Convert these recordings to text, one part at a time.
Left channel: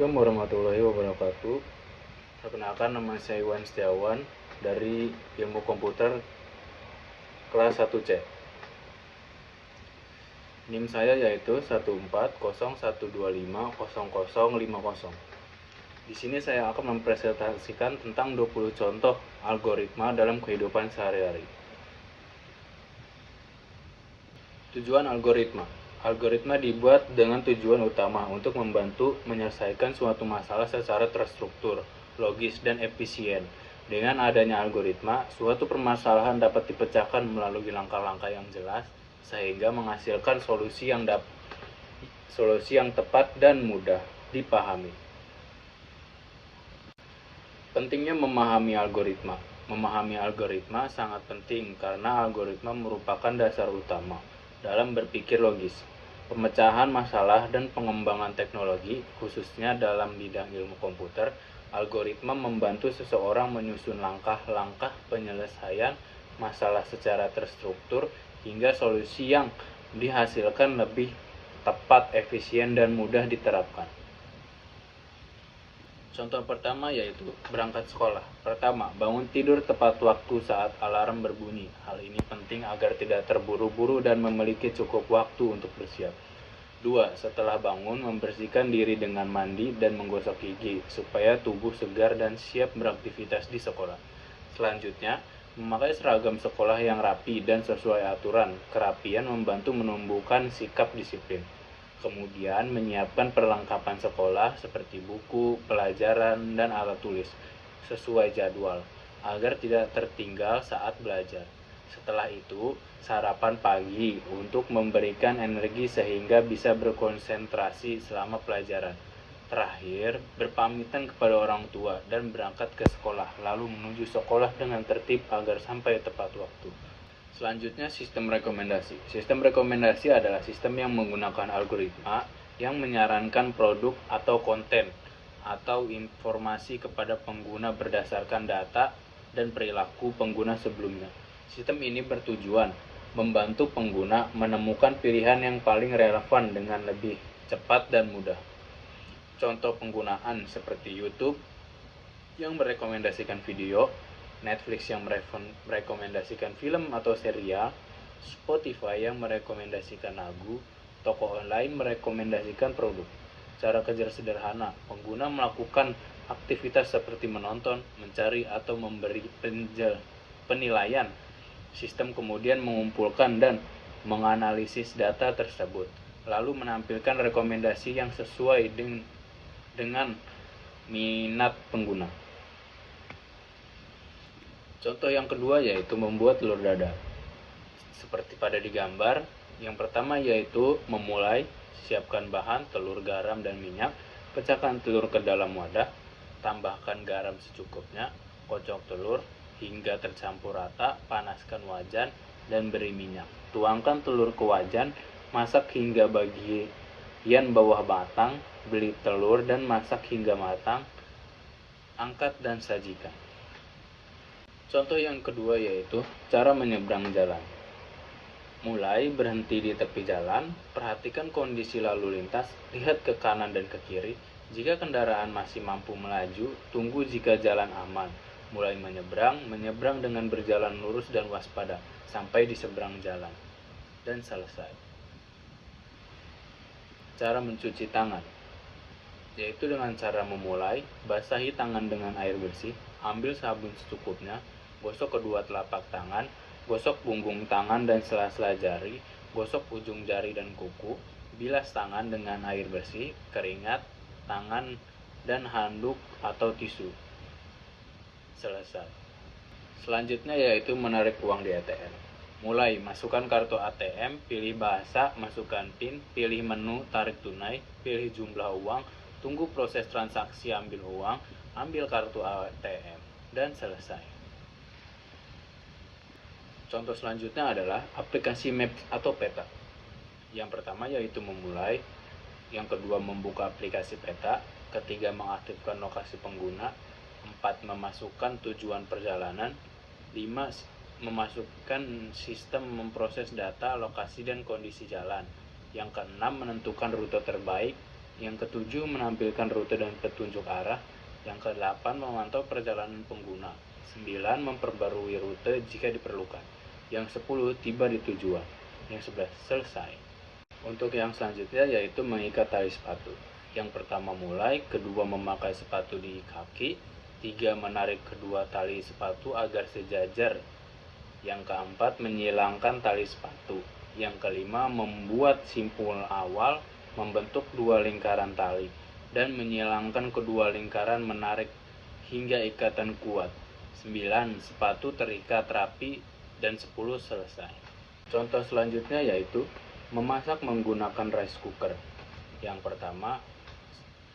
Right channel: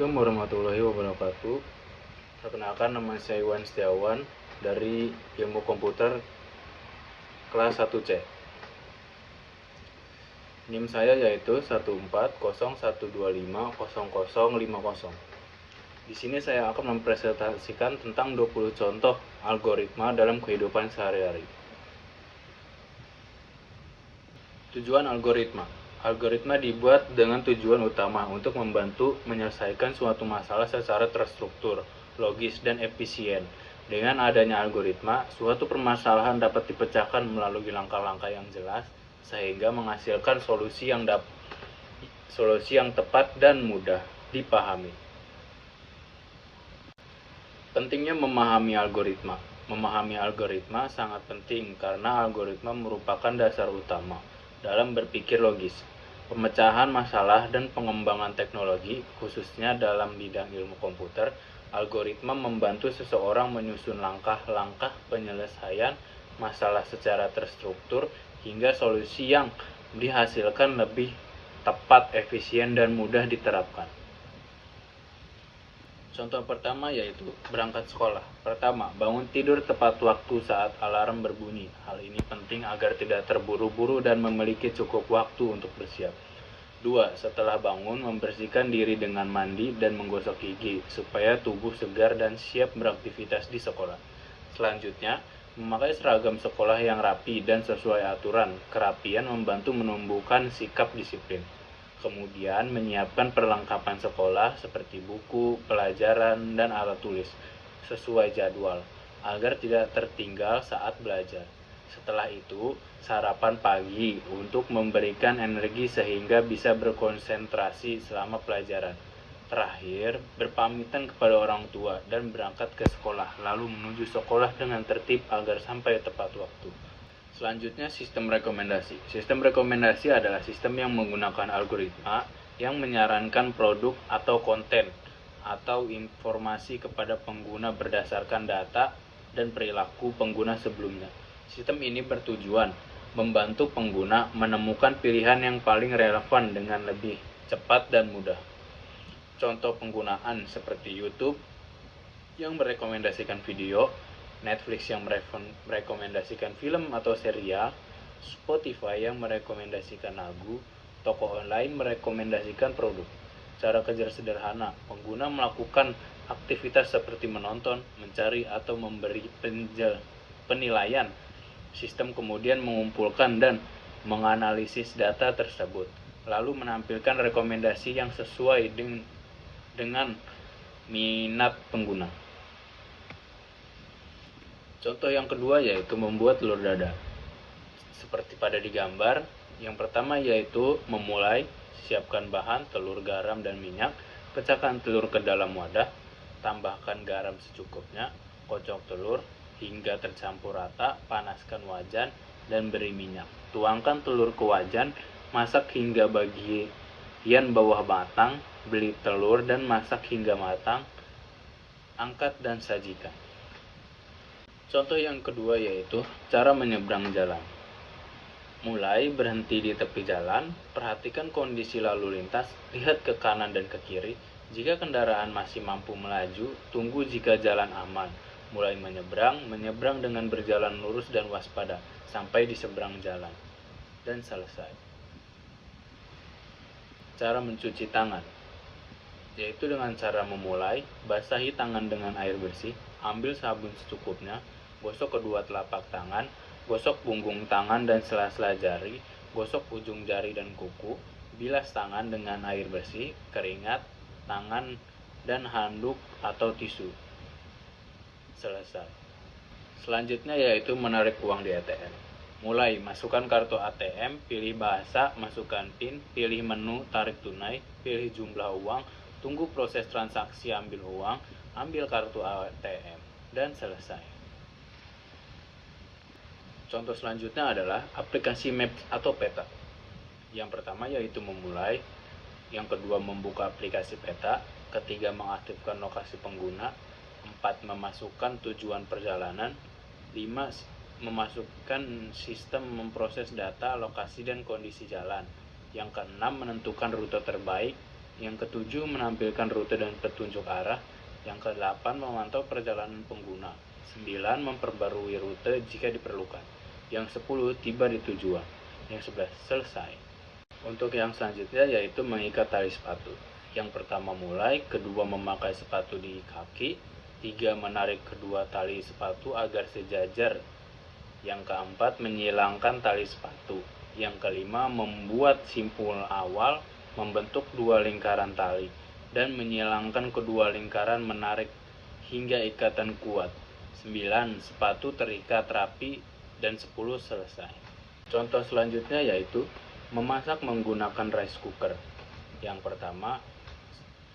Assalamualaikum warahmatullahi wabarakatuh. Perkenalkan, nama saya Iwan Setiawan dari Ilmu Komputer kelas 1C. NIM saya yaitu 14012500050. Di sini saya akan mempresentasikan tentang 20 contoh algoritma dalam kehidupan sehari-hari. Tujuan algoritma. Algoritma dibuat dengan tujuan utama untuk membantu menyelesaikan suatu masalah secara terstruktur, logis, dan efisien. Dengan adanya algoritma, suatu permasalahan dapat dipecahkan melalui langkah-langkah yang jelas, sehingga menghasilkan solusi yang tepat dan mudah dipahami. Pentingnya memahami algoritma. Memahami algoritma sangat penting karena algoritma merupakan dasar utama dalam berpikir logis, pemecahan masalah, dan pengembangan teknologi, khususnya dalam bidang ilmu komputer. Algoritma membantu seseorang menyusun langkah-langkah penyelesaian masalah secara terstruktur hingga solusi yang dihasilkan lebih tepat, efisien, dan mudah diterapkan. Contoh pertama yaitu berangkat sekolah. Pertama, bangun tidur tepat waktu saat alarm berbunyi. Hal ini penting agar tidak terburu-buru dan memiliki cukup waktu untuk bersiap. 2. Setelah bangun, membersihkan diri dengan mandi dan menggosok gigi supaya tubuh segar dan siap beraktivitas di sekolah. Selanjutnya, memakai seragam sekolah yang rapi dan sesuai aturan. Kerapian membantu menumbuhkan sikap disiplin. Kemudian menyiapkan perlengkapan sekolah seperti buku, pelajaran, dan alat tulis sesuai jadwal agar tidak tertinggal saat belajar. Setelah itu, sarapan pagi untuk memberikan energi sehingga bisa berkonsentrasi selama pelajaran. Terakhir, berpamitan kepada orang tua dan berangkat ke sekolah, lalu menuju sekolah dengan tertib agar sampai tepat waktu. Selanjutnya, sistem rekomendasi. Sistem rekomendasi adalah sistem yang menggunakan algoritma yang menyarankan produk atau konten atau informasi kepada pengguna berdasarkan data dan perilaku pengguna sebelumnya. Sistem ini bertujuan membantu pengguna menemukan pilihan yang paling relevan dengan lebih cepat dan mudah. Contoh penggunaan seperti YouTube yang merekomendasikan video, Netflix yang merekomendasikan film atau serial, Spotify yang merekomendasikan lagu, toko online merekomendasikan produk. Cara kerja sederhana, pengguna melakukan aktivitas seperti menonton, mencari, atau memberi penilaian. Sistem kemudian mengumpulkan dan menganalisis data tersebut, lalu menampilkan rekomendasi yang sesuai dengan minat pengguna. Contoh yang kedua yaitu membuat telur dadar. Seperti pada di gambar, yang pertama yaitu memulai, siapkan bahan, telur, garam, dan minyak, pecahkan telur ke dalam wadah, tambahkan garam secukupnya, kocok telur hingga tercampur rata, panaskan wajan, dan beri minyak. Tuangkan telur ke wajan, masak hingga bagian bawah matang, beli telur dan masak hingga matang, angkat dan sajikan. Contoh yang kedua yaitu cara menyeberang jalan. Mulai, berhenti di tepi jalan, perhatikan kondisi lalu lintas, lihat ke kanan dan ke kiri. Jika kendaraan masih mampu melaju, tunggu jika jalan aman. Mulai menyeberang dengan berjalan lurus dan waspada sampai di seberang jalan. Dan selesai. Cara mencuci tangan yaitu dengan cara memulai, basahi tangan dengan air bersih, ambil sabun secukupnya, gosok kedua telapak tangan, gosok punggung tangan dan sela-sela jari, gosok ujung jari dan kuku, bilas tangan dengan air bersih, keringat, tangan, dan handuk atau tisu. Selesai. Selanjutnya yaitu menarik uang di ATM. Mulai, masukkan kartu ATM, pilih bahasa, masukkan PIN, pilih menu tarik tunai, pilih jumlah uang, tunggu proses transaksi ambil uang, ambil kartu ATM, dan selesai. Contoh selanjutnya adalah aplikasi Maps atau peta. Yang pertama yaitu memulai, yang kedua membuka aplikasi peta, ketiga mengaktifkan lokasi pengguna, 4 memasukkan tujuan perjalanan, 5 memasukkan sistem memproses data, lokasi, dan kondisi jalan, yang keenam menentukan rute terbaik, Yang ketujuh, menampilkan rute dan petunjuk arah. Yang kedelapan, memantau perjalanan pengguna. 9, memperbarui rute jika diperlukan. Yang 10, tiba di tujuan. Yang 11, selesai. Untuk yang selanjutnya yaitu mengikat tali sepatu. Yang pertama mulai, kedua memakai sepatu di kaki, 3 menarik kedua tali sepatu agar sejajar. Yang keempat, menyilangkan tali sepatu. Yang kelima, membuat simpul awal, membentuk 2 lingkaran tali, dan menyilangkan kedua lingkaran menarik hingga ikatan kuat. 9, sepatu terikat rapi, dan 10, selesai. Contoh selanjutnya yaitu memasak menggunakan rice cooker. Yang pertama,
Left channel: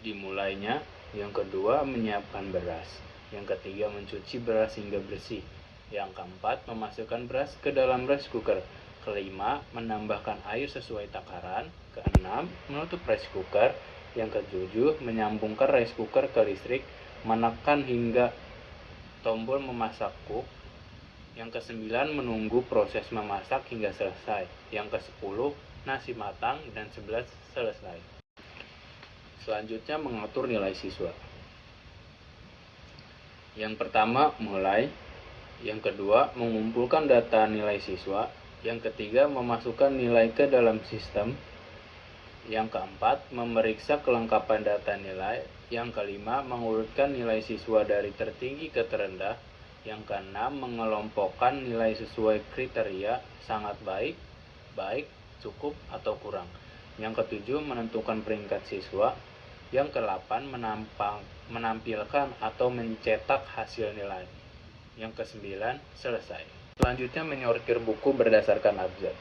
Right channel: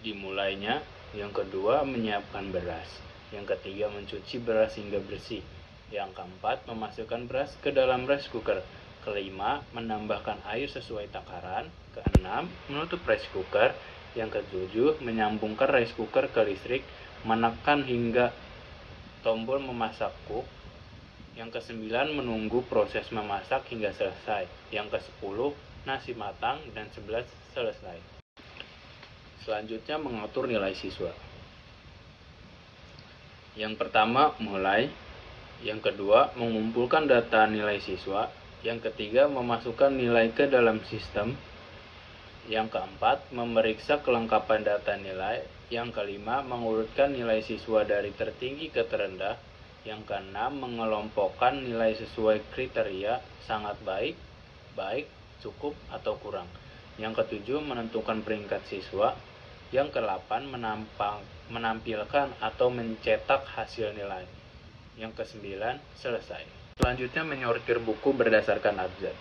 dimulainya. Yang kedua, menyiapkan beras. Yang ketiga, mencuci beras hingga bersih. Yang keempat, memasukkan beras ke dalam rice cooker. Kelima, menambahkan air sesuai takaran. Keenam, menutup rice cooker. Yang ketujuh, menyambungkan rice cooker ke listrik, menekan hingga tombol memasak cook. Yang kesembilan, menunggu proses memasak hingga selesai. Yang kesepuluh, nasi matang. Dan 11, selesai. Selanjutnya, mengatur nilai siswa. Yang pertama, mulai. Yang kedua, mengumpulkan data nilai siswa. Yang ketiga, memasukkan nilai ke dalam sistem. Yang keempat, memeriksa kelengkapan data nilai. Yang kelima, mengurutkan nilai siswa dari tertinggi ke terendah. Yang keenam, mengelompokkan nilai sesuai kriteria sangat baik, baik, cukup, atau kurang. Yang ketujuh, menentukan peringkat siswa. Yang kedelapan, menampilkan atau mencetak hasil nilai. Yang kesembilan, selesai. Selanjutnya, menyortir buku berdasarkan abjad.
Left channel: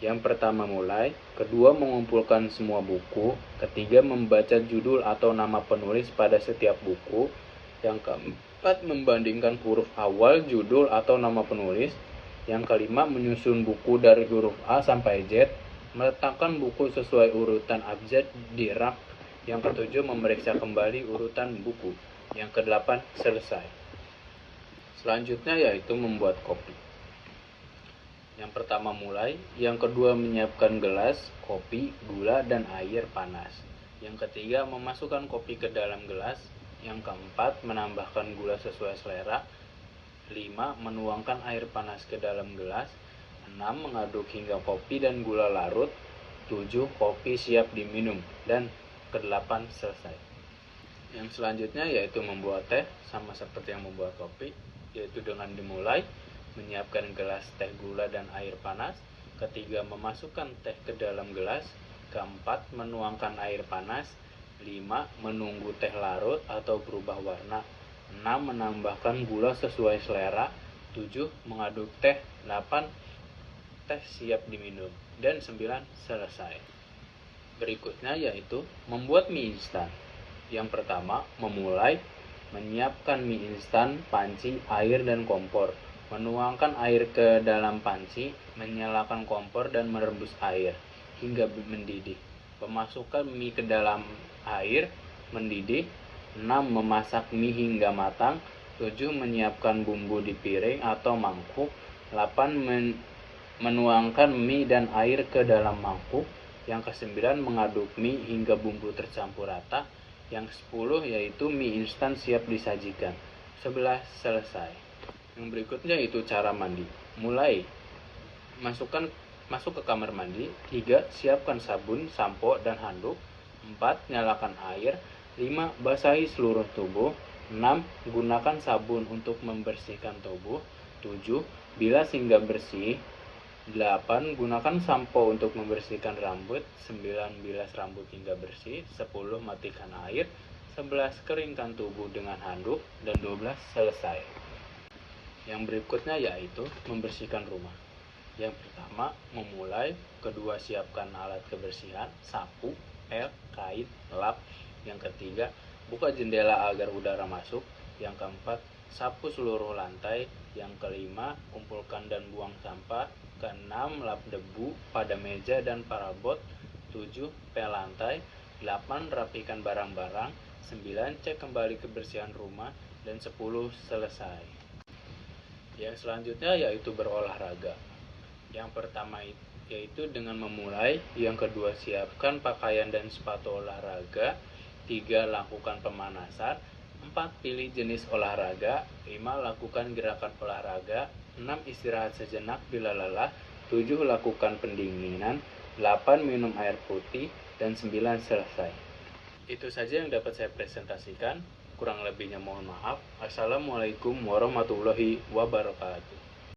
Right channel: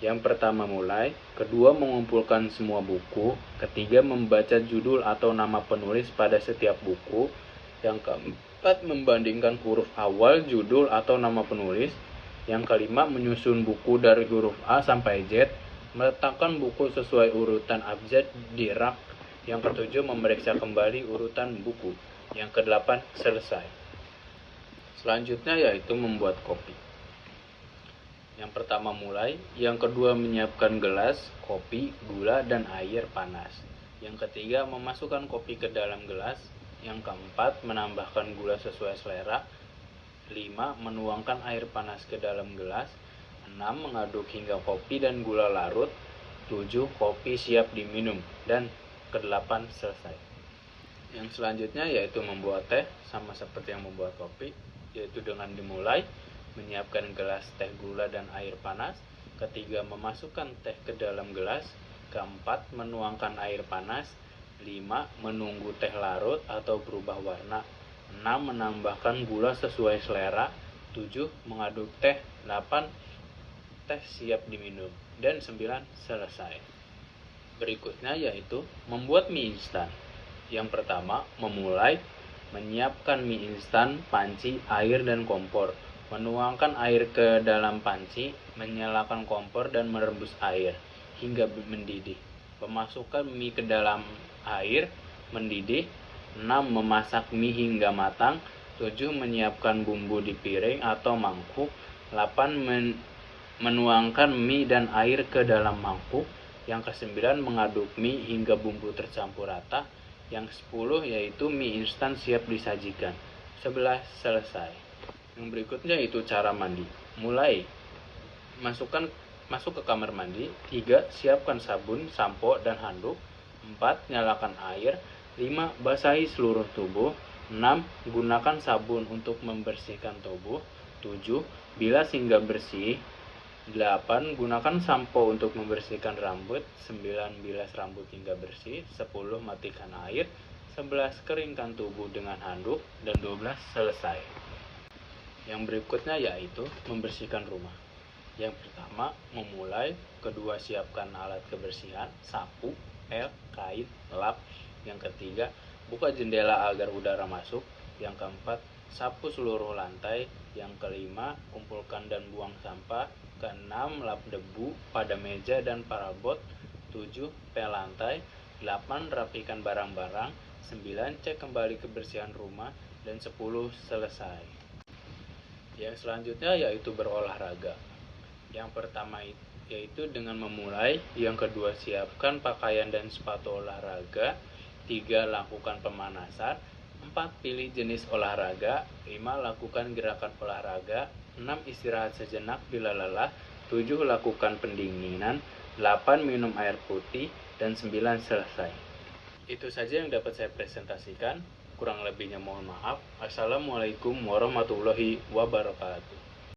Yang pertama mulai, kedua mengumpulkan semua buku, ketiga membaca judul atau nama penulis pada setiap buku, yang keempat membandingkan huruf awal judul atau nama penulis, yang kelima menyusun buku dari huruf A sampai Z, meletakkan buku sesuai urutan abjad di rak, yang ketujuh memeriksa kembali urutan buku, yang kedelapan selesai. Selanjutnya yaitu membuat kopi. Yang pertama mulai, yang kedua menyiapkan gelas, kopi, gula, dan air panas. Yang ketiga memasukkan kopi ke dalam gelas. Yang keempat menambahkan gula sesuai selera. 5. Menuangkan air panas ke dalam gelas. 6. Mengaduk hingga kopi dan gula larut. 7. Kopi siap diminum. Dan ke-8 selesai. Yang selanjutnya yaitu membuat teh, sama seperti yang membuat kopi, yaitu dengan dimulai menyiapkan gelas teh, gula, dan air panas. Ketiga, memasukkan teh ke dalam gelas. Keempat, menuangkan air panas. 5. Menunggu teh larut atau berubah warna. 6. Menambahkan gula sesuai selera. 7. Mengaduk teh. 8. Teh siap diminum. Dan 9. Selesai. Berikutnya yaitu membuat mie instan. Yang pertama, memulai menyiapkan mie instan, panci, air, dan kompor. Menuangkan air ke dalam panci, menyalakan kompor dan merebus air hingga mendidih. Memasukkan mie ke dalam air mendidih. 6. Memasak mie hingga matang. 7. Menyiapkan bumbu di piring atau mangkuk. 8. Menuangkan mie dan air ke dalam mangkuk. Yang ke-9 mengaduk mie hingga bumbu tercampur rata. Yang 10 yaitu mie instan siap disajikan. 11. Selesai. Yang berikutnya itu cara mandi. Mulai, masuk ke kamar mandi. 3. Siapkan sabun, sampo, dan handuk. 4. Nyalakan air. 5. Basahi seluruh tubuh. 6. Gunakan sabun untuk membersihkan tubuh. 7. Bilas hingga bersih. 8. Gunakan sampo untuk membersihkan rambut. 9. Bilas rambut hingga bersih. 10. Matikan air. 11. Keringkan tubuh dengan handuk. Dan 12. Selesai. Yang berikutnya yaitu membersihkan rumah. Yang pertama, memulai. Kedua, siapkan alat kebersihan, sapu, pel, kain, lap. Yang ketiga, buka jendela agar udara masuk. Yang keempat, sapu seluruh lantai. Yang kelima, kumpulkan dan buang sampah. Keenam, lap debu pada meja dan parabot. 7. Pel lantai. 8. Rapikan barang-barang. 9. Cek kembali kebersihan rumah. Dan 10. Selesai. Yang selanjutnya yaitu berolahraga. Yang pertama yaitu dengan memulai. Yang kedua, siapkan pakaian dan sepatu olahraga. 3. Lakukan pemanasan. 4. Pilih jenis olahraga. 5. Lakukan gerakan olahraga. 6. Istirahat sejenak bila lelah. 7. Lakukan pendinginan. 8. Minum air putih. Dan 9. Selesai. Itu saja yang dapat saya presentasikan. Kurang lebihnya mohon maaf. Assalamualaikum warahmatullahi wabarakatuh.